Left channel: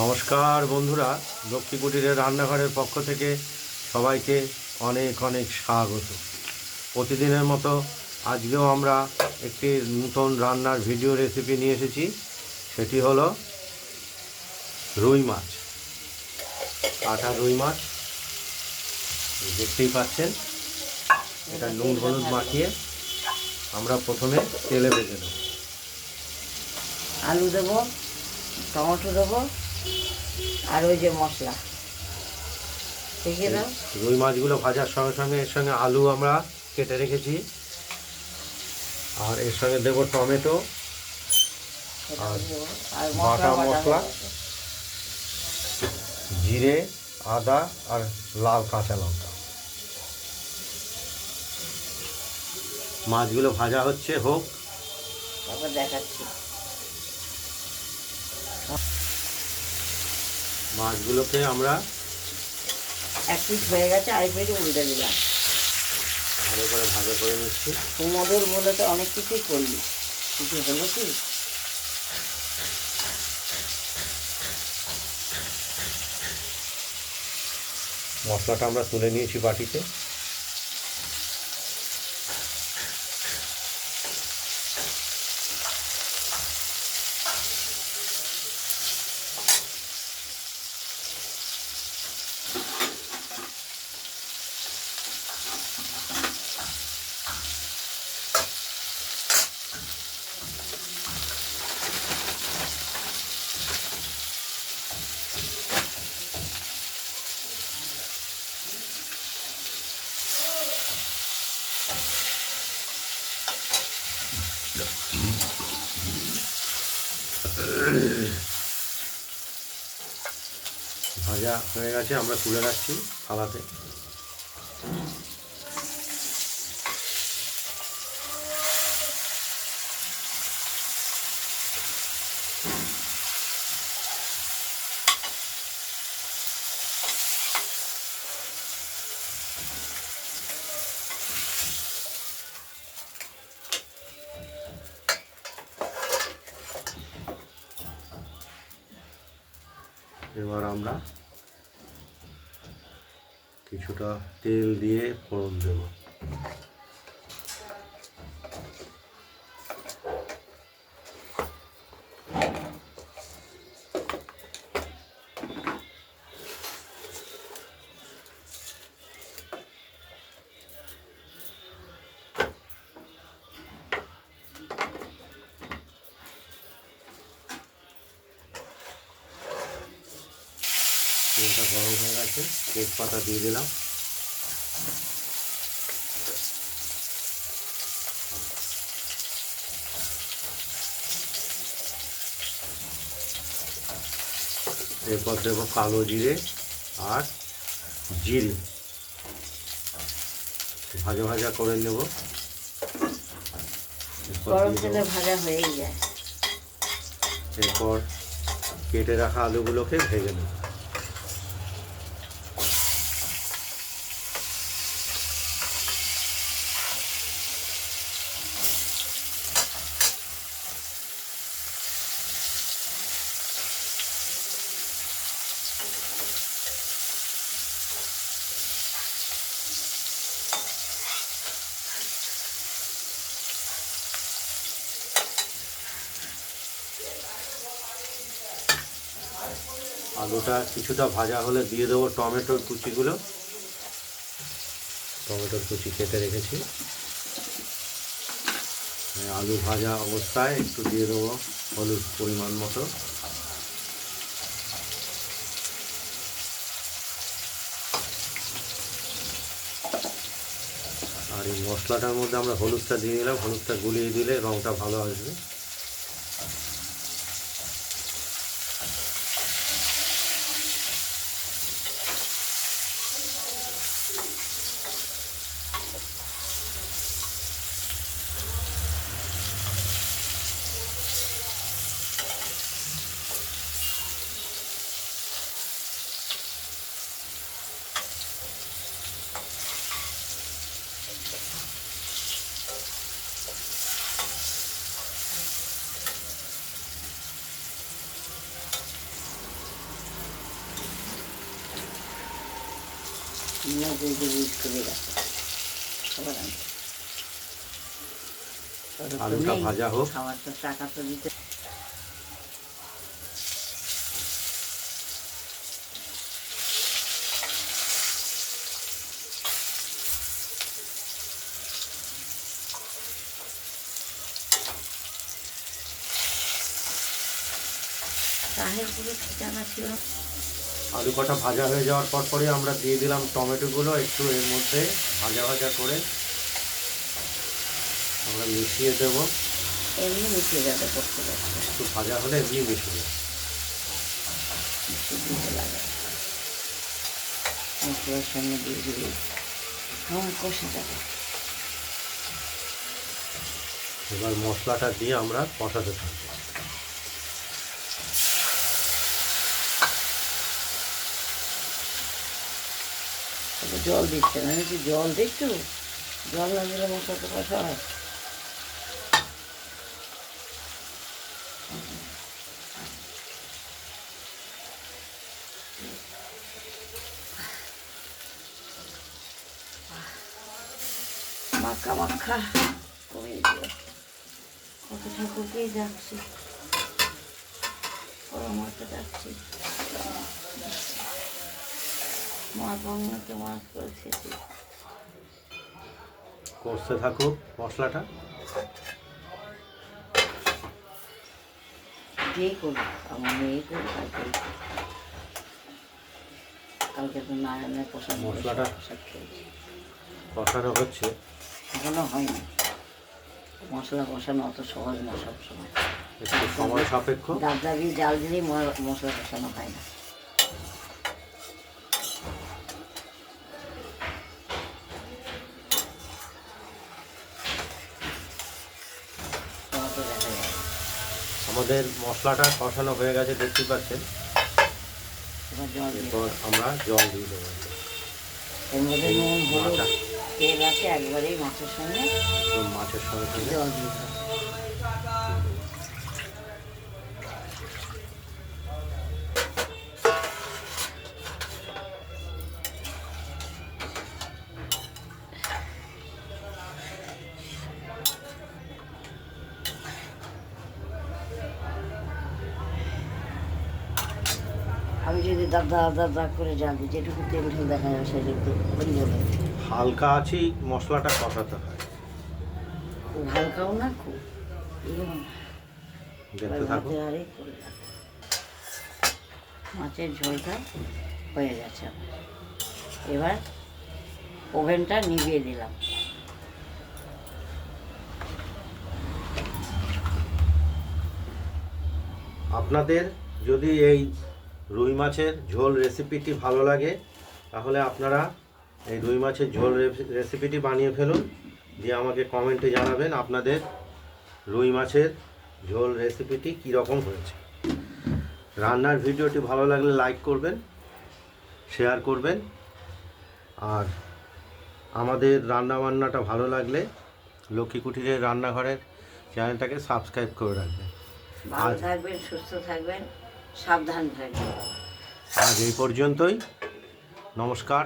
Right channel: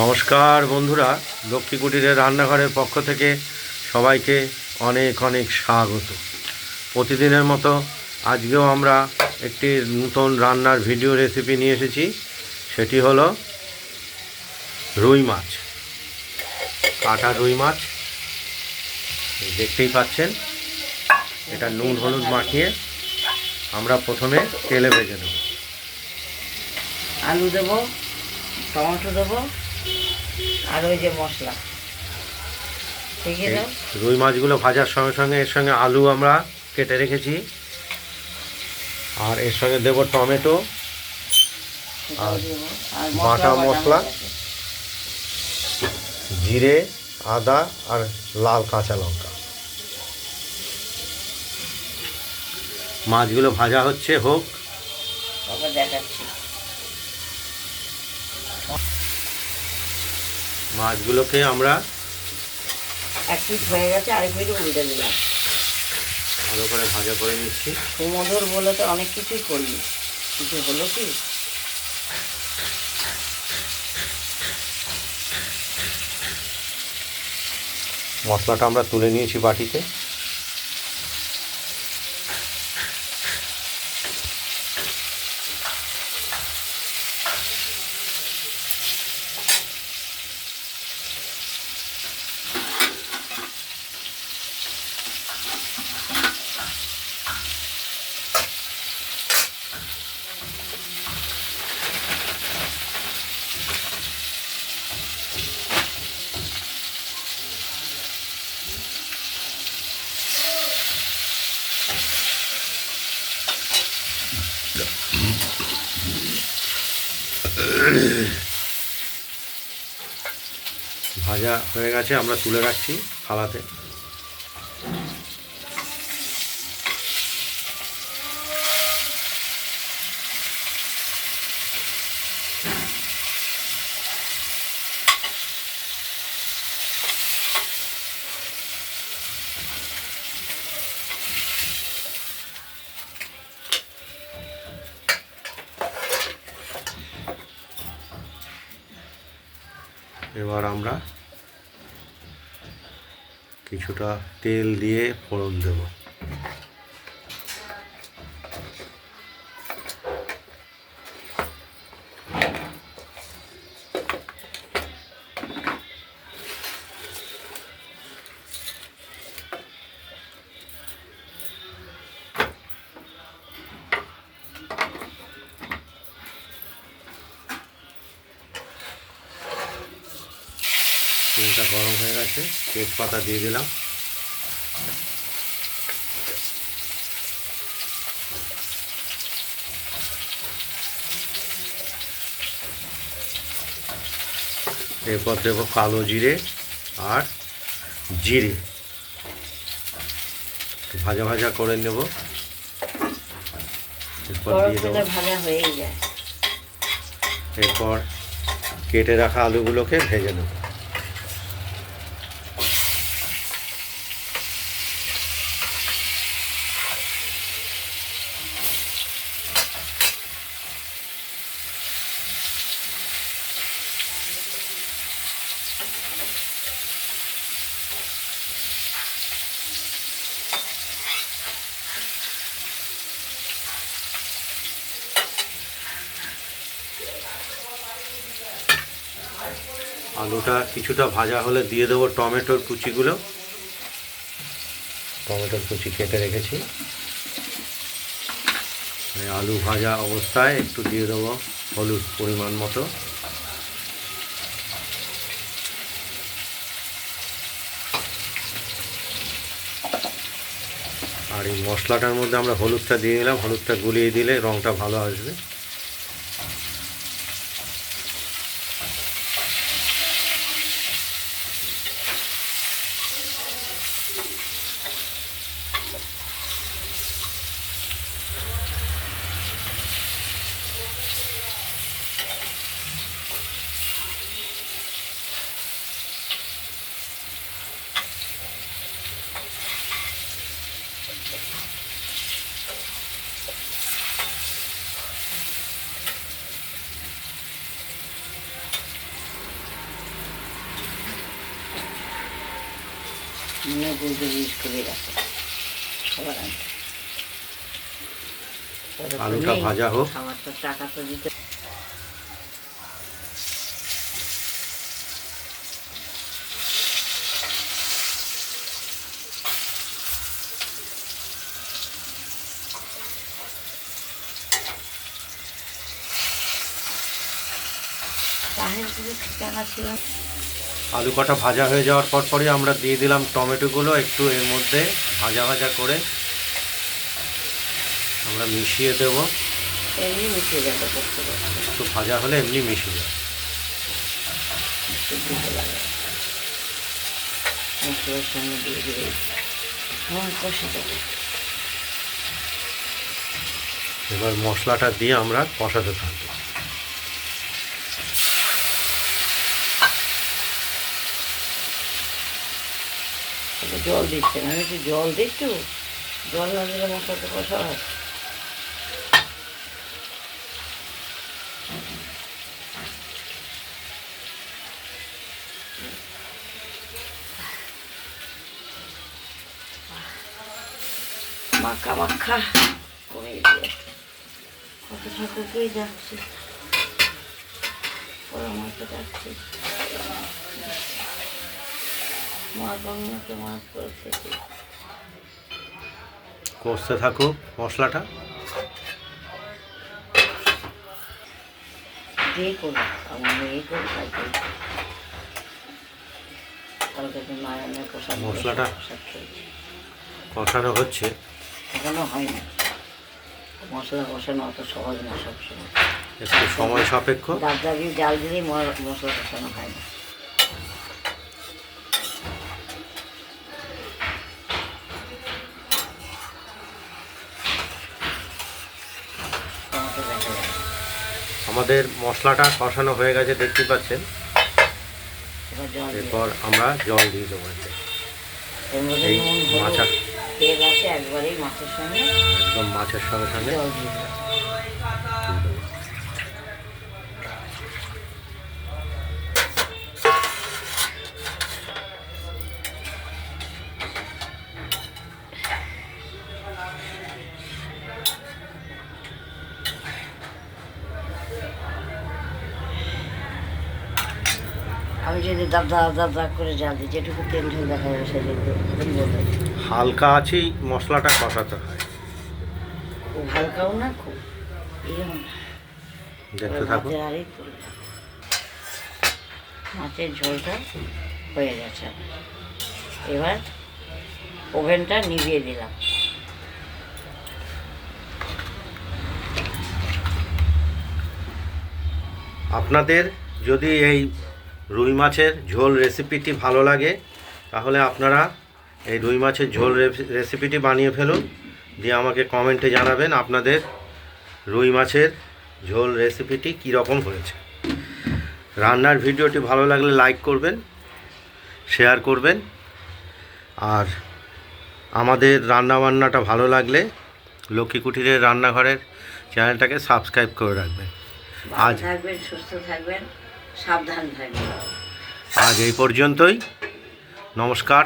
নমস্কার বন্ধুরা, লক্ষ্মী কুটিরের রান্নাঘরের পক্ষ থেকে সবাইকে অনেক অনেক স্বাগত। প্রতিদিনের মতো আজকেও আমরা একটি নতুন রান্নার ভিডিও রেসিপি নিয়ে এসেছি। সেটি হলো রুই মাছ, কাটা রুই মাছ। দেখতেই পাচ্ছেন, এটা নুন হলুদ মাখিয়ে আমরা প্রথমে তেলে ভেজে নেব। আলু দেবো, টমেটো দেবো, আর ওই যে মশলা ঠিক আছে। রুই মাছগুলো ভাজার সঙ্গে সঙ্গে এর সঙ্গে আলু আমরা কেটে রেখেছি, আর এর সঙ্গে দেব টমেটো আর বাটা মশলা, জিরে, আদা আর লাল কাঁচা লঙ্কা। মাছগুলো ভাজা হচ্ছে, হোক, তারপর দেখাচ্ছি। মাছগুলোকে আমরা এক পিস হয়ে গেছে, আরেক পিস উল্টে দিলাম। ভালো করে ভাজা করে নিচ্ছি। সুমধুর বলে তো অনেক কিছুই করলি, কিছু হলো কি? মশলাটা আমরা তুলে নিয়েছি বাটিতে। ভাজা হয়ে গেছে, আমরা তুলে রাখছি থালাতে। এবার আমরা কিছুটা তেল দিয়ে ফোড়ন দেব। তেলটা গরম হয়ে গেছে, তেজপাতা দিয়ে দিলাম। এরপর দেব কালো জিরে আর জিরে, ভাজা ভাজা করে নেব। এরপর কেটে রাখা আলুগুলোকে ভেজে নেব। আলুটা কিছুটা ভাজা হলে দিয়ে দেবো টমেটোর কুচিগুলো। টমেটোর কুচি কেটে রেখেছি। আলু ভাজা অবস্থায় একটু দিয়ে দেবো হলুদ পরিমাণ মতো। আর এই মশলাটার মধ্যে আমরা হলুদটা দিয়ে দিলাম। হলুদটা গুলিয়ে দিলে রঙটা ভালো আসবে। ইউজ করে রাখো খাবার আনতে। আলুটা ভাজা হোক। খাবার তো টাকা তো দিতে। ঠিকানা ছিল। আলু কটা ভাজা হয়ে যাওয়ার পরে আমরা দিয়ে দিলাম টমেটোগুলো একটু এর মধ্যে ভাজা ভাজা করে আমরা মিশিয়ে দেব। এমনি মিশিয়ে যাবে করতে করতে, একটু ভাজা হলে এমনি মিশিয়ে যাবে। দিতে লাগে মশলার সঙ্গে দিয়ে দিয়ে কষে দেবে। এবার মশলাটা দিয়ে আমরা কষাতে থাকবো। জল দিচ্ছে না, একটু জল দিচ্ছু, জল না দিলে মশলা তো কষা হয়। মাখা মাখা করে দিয়ে কত ঠাকুরকেই যাচ্ছি, পরামর্শে যাচ্ছি, মা গঙ্গাকে মাছ করে খেয়েছি। কষতে থাকুক মশলাটা। যে করবো আমার মেয়ে করবো কালকে তো নারায়ণের প্রসাদ মশলাটা প্রসাদ খেয়েছি, কষানো হচ্ছে। এখনো হয়নি। মশলা কষানো অত সহজ না সবসময়, একটু সময় সাপেক্ষ। দাঁত লাগিয়ে জাল দিলেই মশলা কষানো হয় না। আমাদের মশলাটা কষানো হয়ে গেছে দেখতে পাচ্ছেন। এরপর আমরা জল দিয়ে দেবো। এর মধ্যে এই নুন হলুদ মাছের তেল আছে, একবারেই মাছের সঙ্গে একদম মাছের সঙ্গে সঙ্গে জল দিয়ে দেবো। আমি যদি দাব দাব করে জাল দিই, যেটুকু তেল ঝোল দেখা যাবে সেদিকে কী বলবে। হালকা আছেই মশলাটা কষাতে হয়। খুব হালকাও না, খুব ইয়েও না। দেখতে থাকুন। ভাতের আরেক করে মাছের ঝোলটা হয়ে গেছে আমার। এবার ওভেনটা নিভিয়ে দিলাম। আপনাদের যদি এই রুই মাছের ঝোল রেসিপিটি ভালো লাগে তাহলে আপনারা এই রুই মাছের ঝোল রেসিপিটি বানিয়ে ফেলুন, দিয়ে আমাকে কমেন্টে জানাবেন আপনাদের রুই মাছের ঝোল রেসিপিটি কীরকম হয়েছে। রান্নার ভিডিওটি ভালো লাগলে লাইক করবেন, শেয়ার করবেন, আর আমাদের রান্নাবান্নাটা ভালো লাগলে লক্ষ্মী কুটিরের রান্নাঘরের চ্যানেলটাকে সাবস্ক্রাইব করে রাখবেন। ভালো থাকবেন, সুস্থ থাকবেন, সাবধান থাকবেন। আজ এই পর্যন্তই। নমস্কার।